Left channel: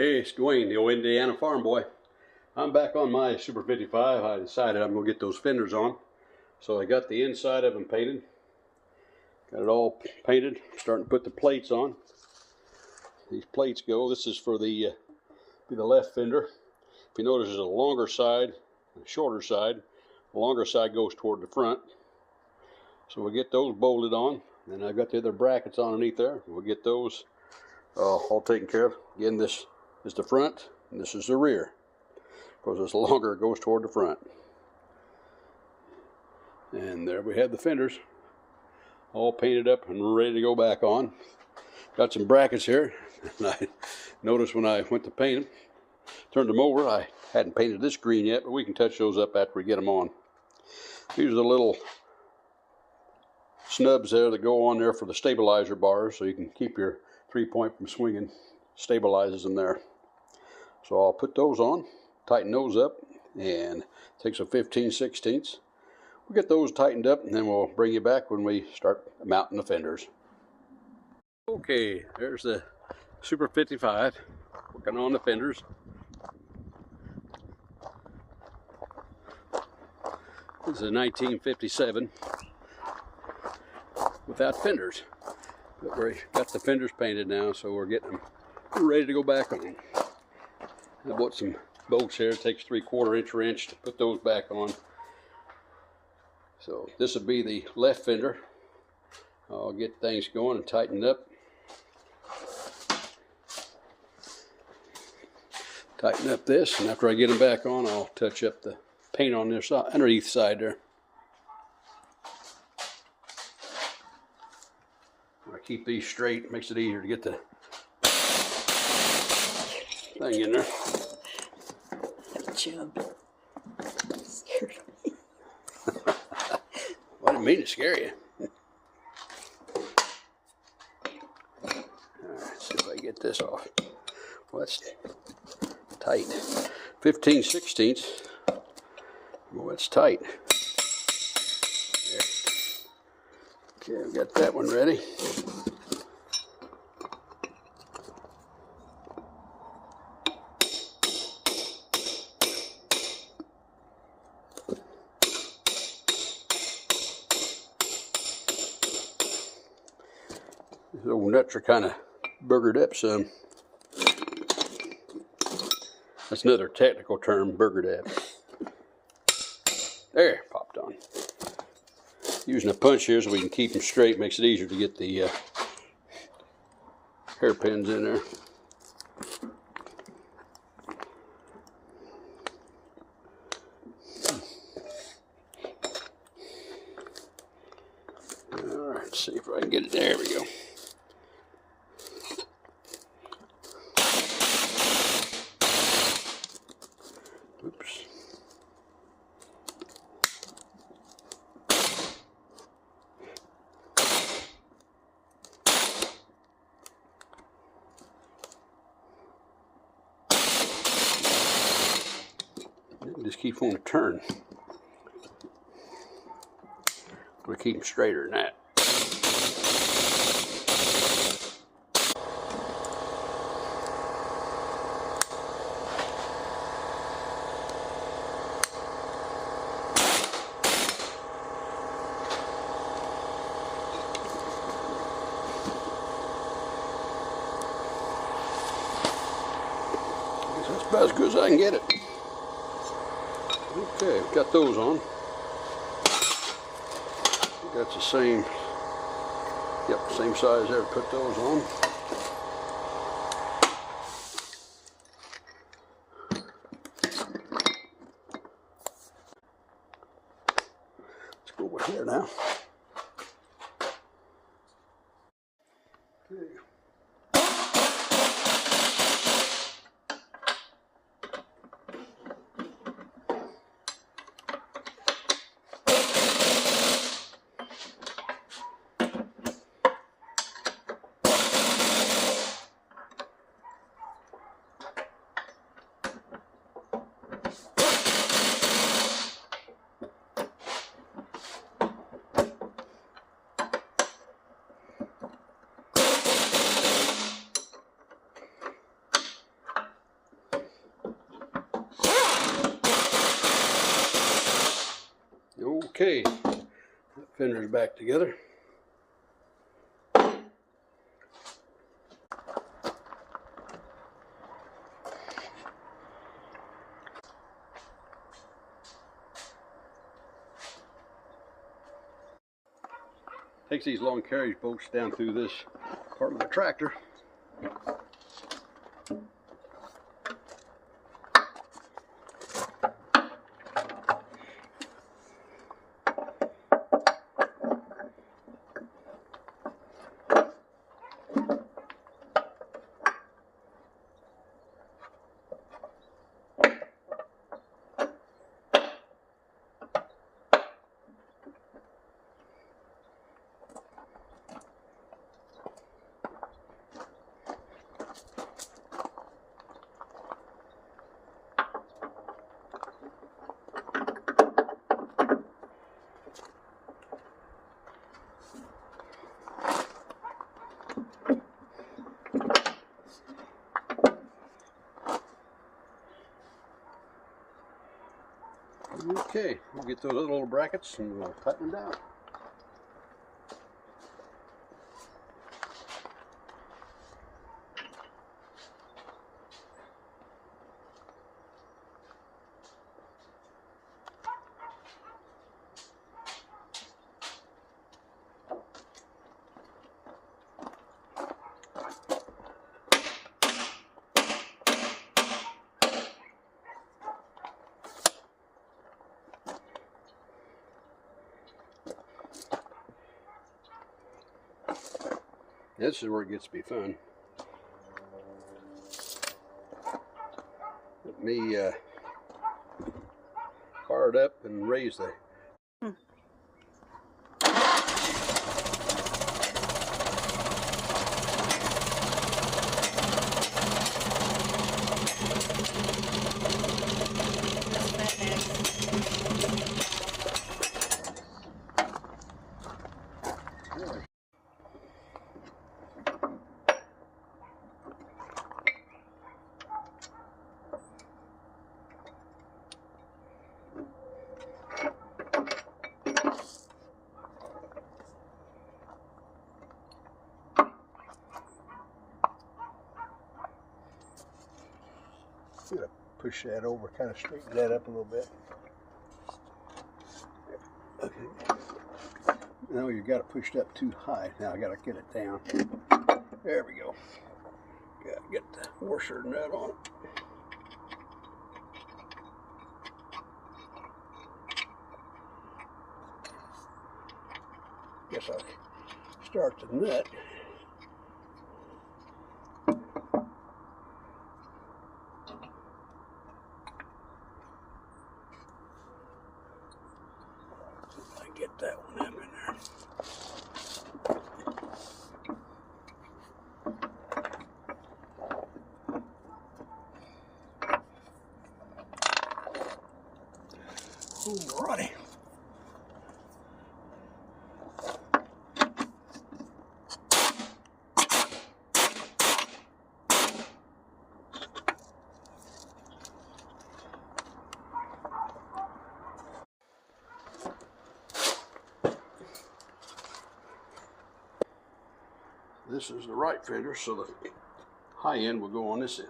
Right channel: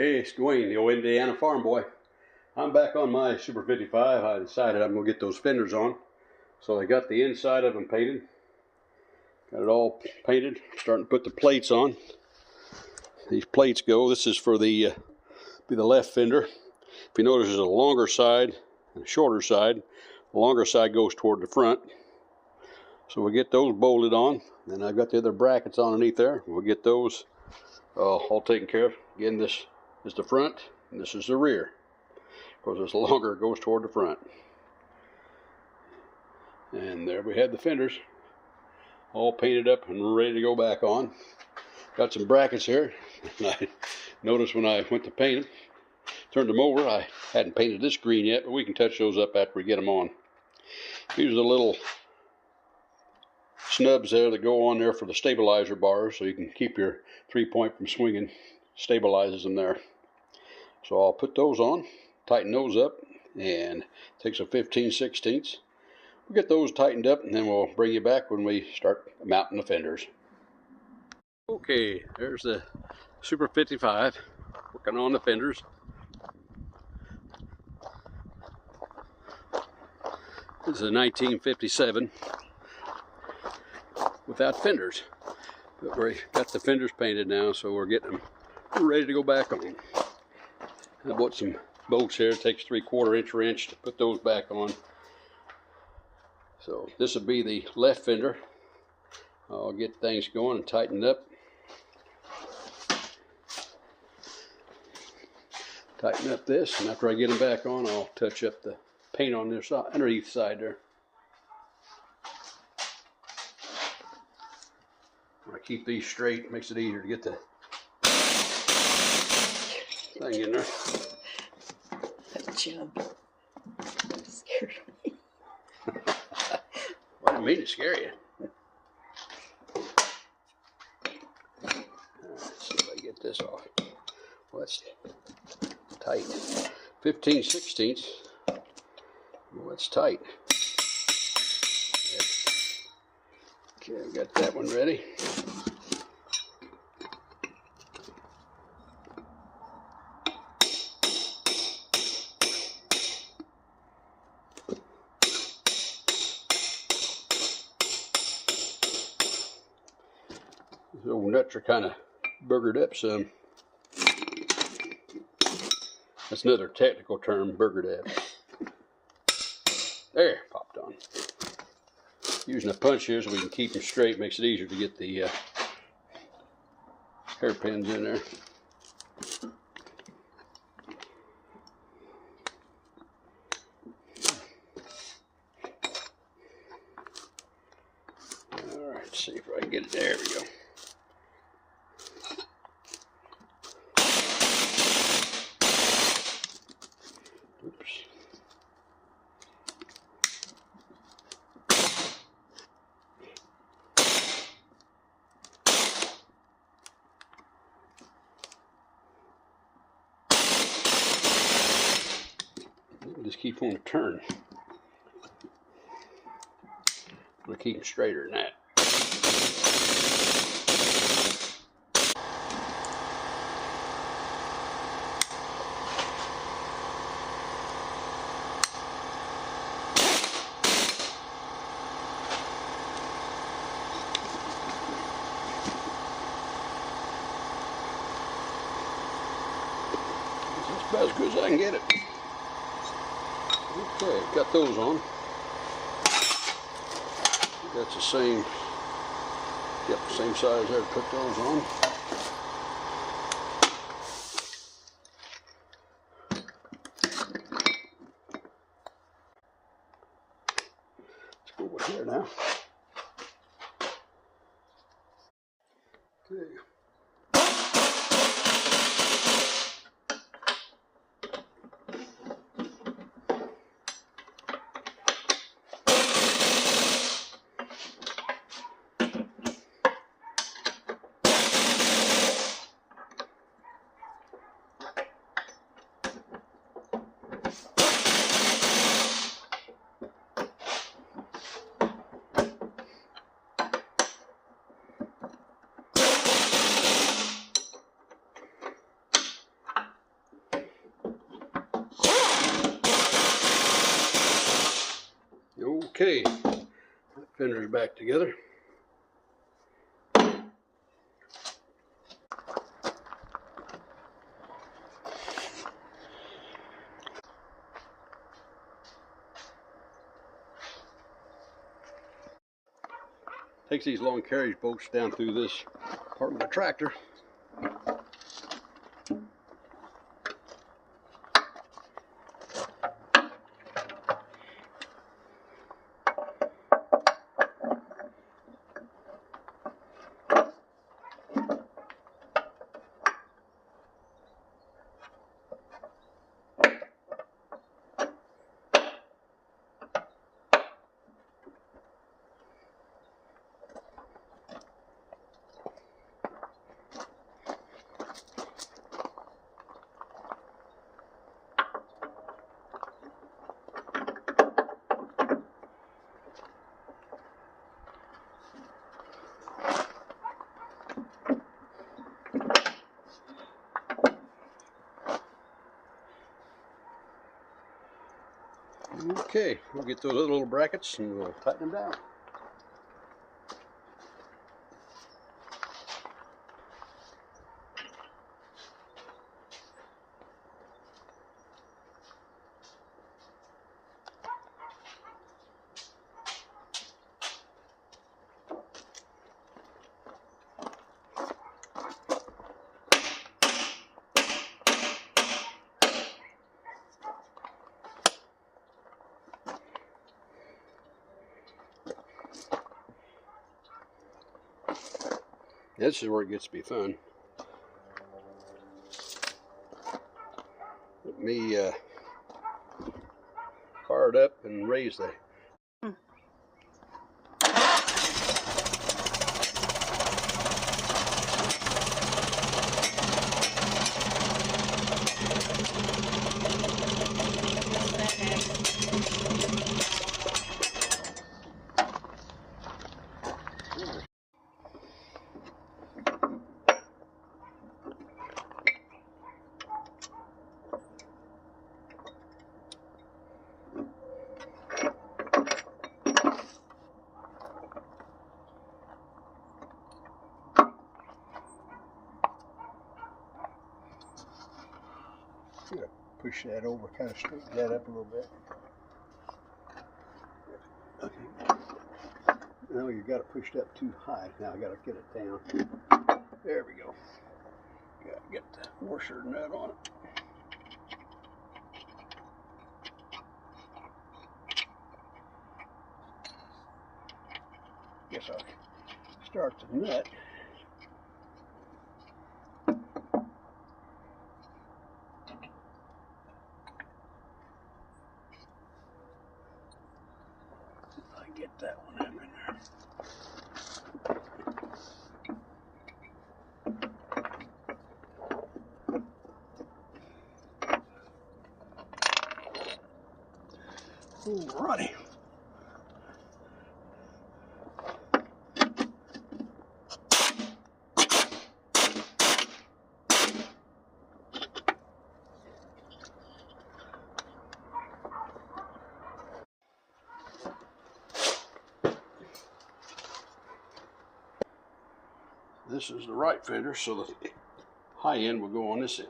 Hey, it's Dwayne, the old Indiana farm boy. I'm back on my Super 55. I decided I'm going to get those fenders on. So I got the inside of them painted. Got it all painted. Starting to put the plates on. These plates go. This is for the be the left fender. If you notice, there's a longer side and a shorter side. The longer side goes toward the front. So we'll get those bolted on. Then I've got the other brackets underneath there. We'll get those all taken care of. Again, this is the front and this is the rear. Because it's longer, it goes toward the front. And there we have the fenders all painted up and ready to go back on. Got some brackets here, and I noticed when I went to paint them, turned them over, I hadn't painted this green yet, but we can touch those up after we get them on. These are the little snubs there that go on there for the stabilizer bars, so you can keep your 3-point from swinging. Stabilizes them there. So I'll put those on, tighten those up, and takes a 15/16. We'll get those tightened up, and then we'll bring you back when we start mounting the fenders. Okay, there's the Super 55 working on the fenders. This is a 1957 without fenders. But we got the fenders painted now, so we're getting them ready to go back on. I bought some bolts here. It takes 3/4 inch wrench to put those back on. So this will be the left fender. I'll get things going and tighten up. Tighten up this, and after I get them back on, I'll touch up the paint on this side, underneath side there. I keep these straight, makes it easier to get the thing in there. That jump scared me. Well, I didn't mean to scare you. Alright, see if I can get this off. Well, that's tight. 15/16. Well, it's tight. Okay, I've got that one ready. These old nuts are kind of burgered up some. That's another technical term, burgered up. There, popped on. Using a punch here so we can keep them straight makes it easier to get the hairpins in there. All right, let's see if I can get it. There we go. Oops. Just keep on the turn. We'll keep them straighter than that. That's about as good as I can get it. Okay, got those on. That's the same, same size there to put those on. Let's go over here now. Okay. Okay, fender's back together. Takes these long carriage bolts down through this part of the tractor. Okay, we'll get those little brackets and we'll tighten them down. This is where it gets to be fun. Let me fire it up and raise the Gotta push that over, kind of straighten that up a little bit. Okay. Now you got it pushed up too high. Now I gotta get it down. There we go. Gotta get the washer nut on it. Guess I'll start the nut. Get that one in there. Alrighty. This is the right fender, so the high end will go on this end.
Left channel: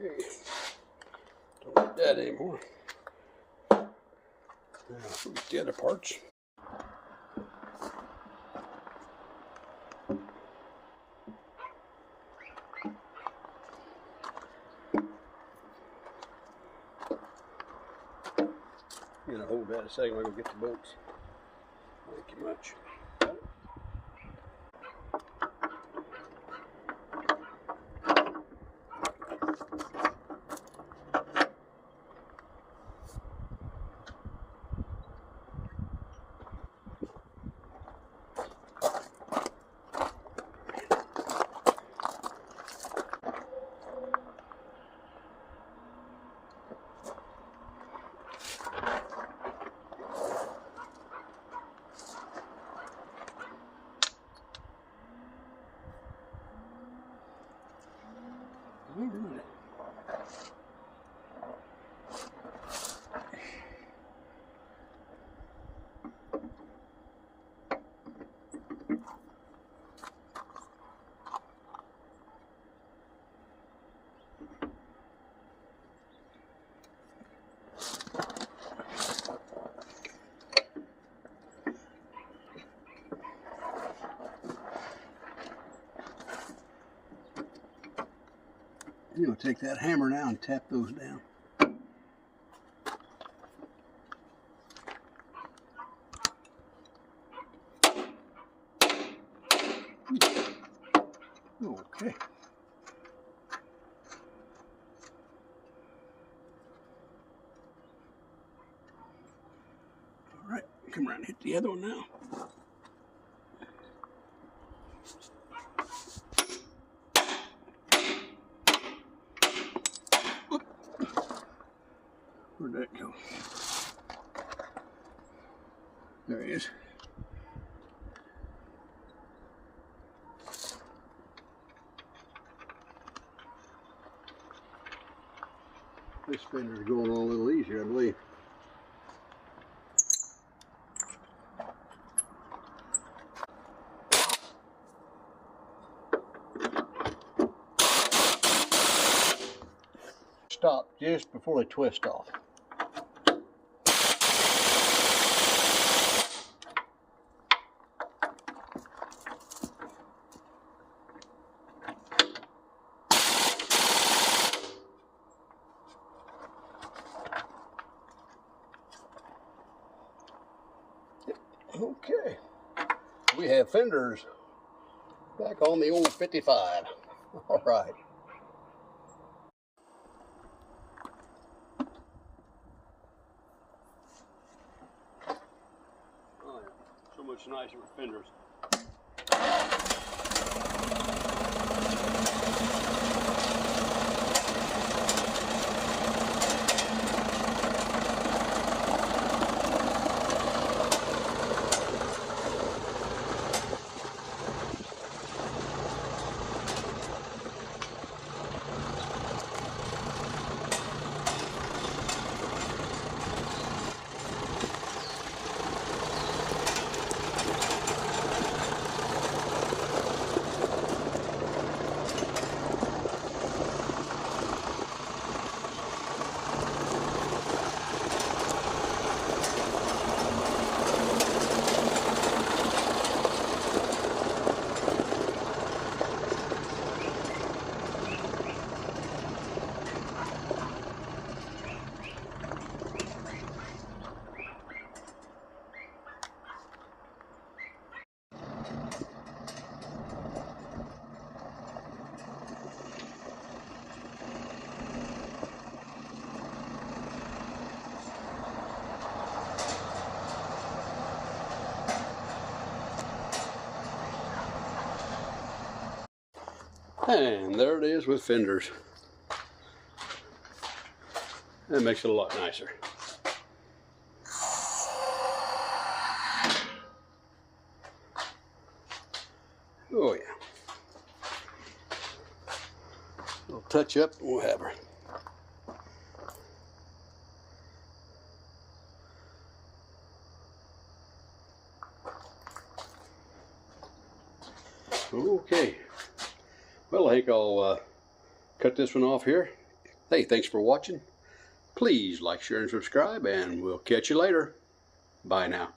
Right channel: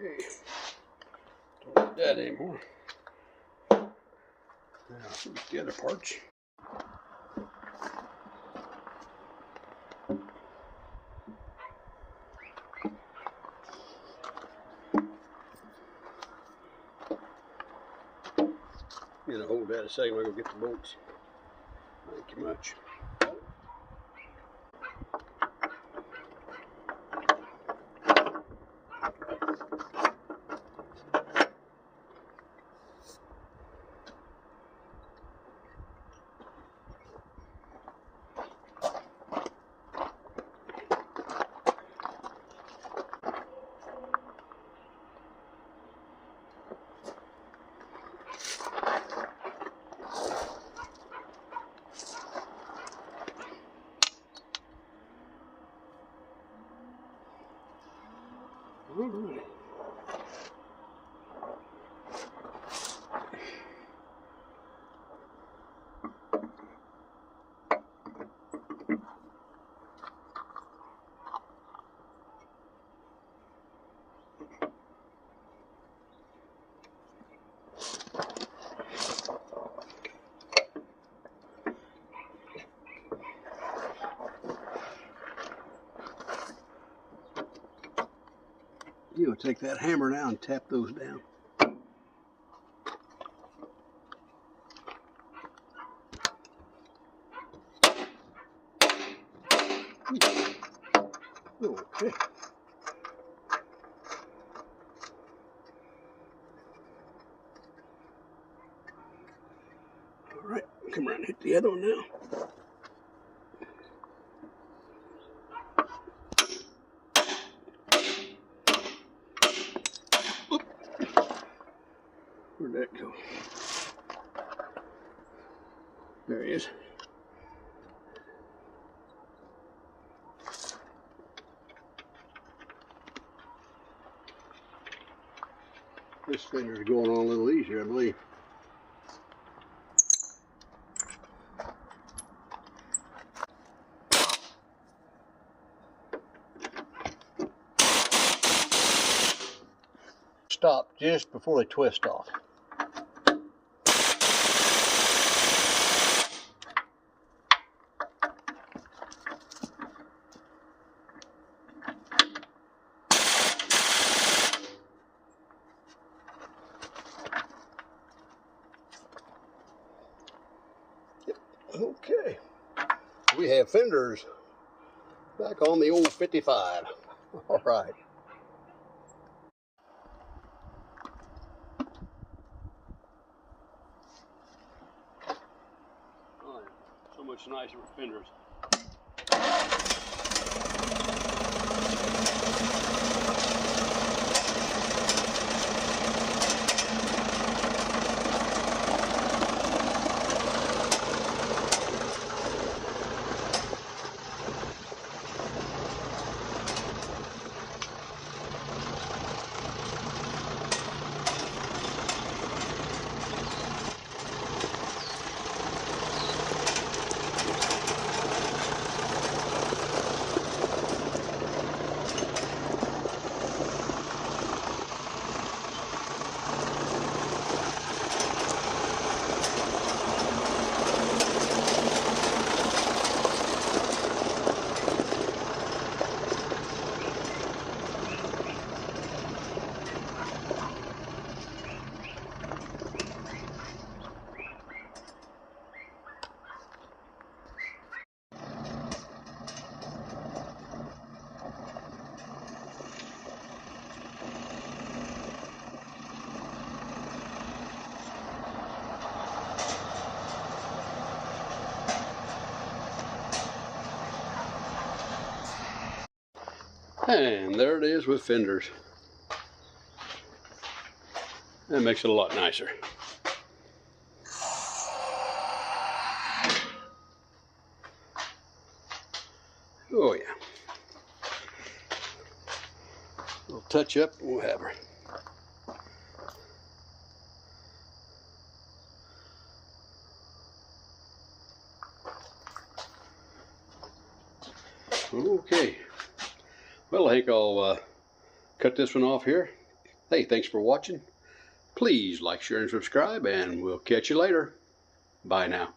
Okay. Don't need that anymore. Now, where's the other parts? I'm gonna hold that a second while I go get the bolts. Thank you much. All right. You know, take that hammer now and tap those down. Okay. All right, come around and hit the other one now. Oop. Where'd that go? There he is. This fender's going on a little easier, I believe. Stop just before they twist off. Okay, we have fenders back on the old 55. All right. Oh, yeah. So much nicer with fenders. And there it is with fenders. That makes it a lot nicer. Oh yeah. A little touch up and we'll have her. Okay. Well, I think I'll cut this one off here. Hey, thanks for watching. Please like, share, and subscribe, and we'll catch you later. Bye now.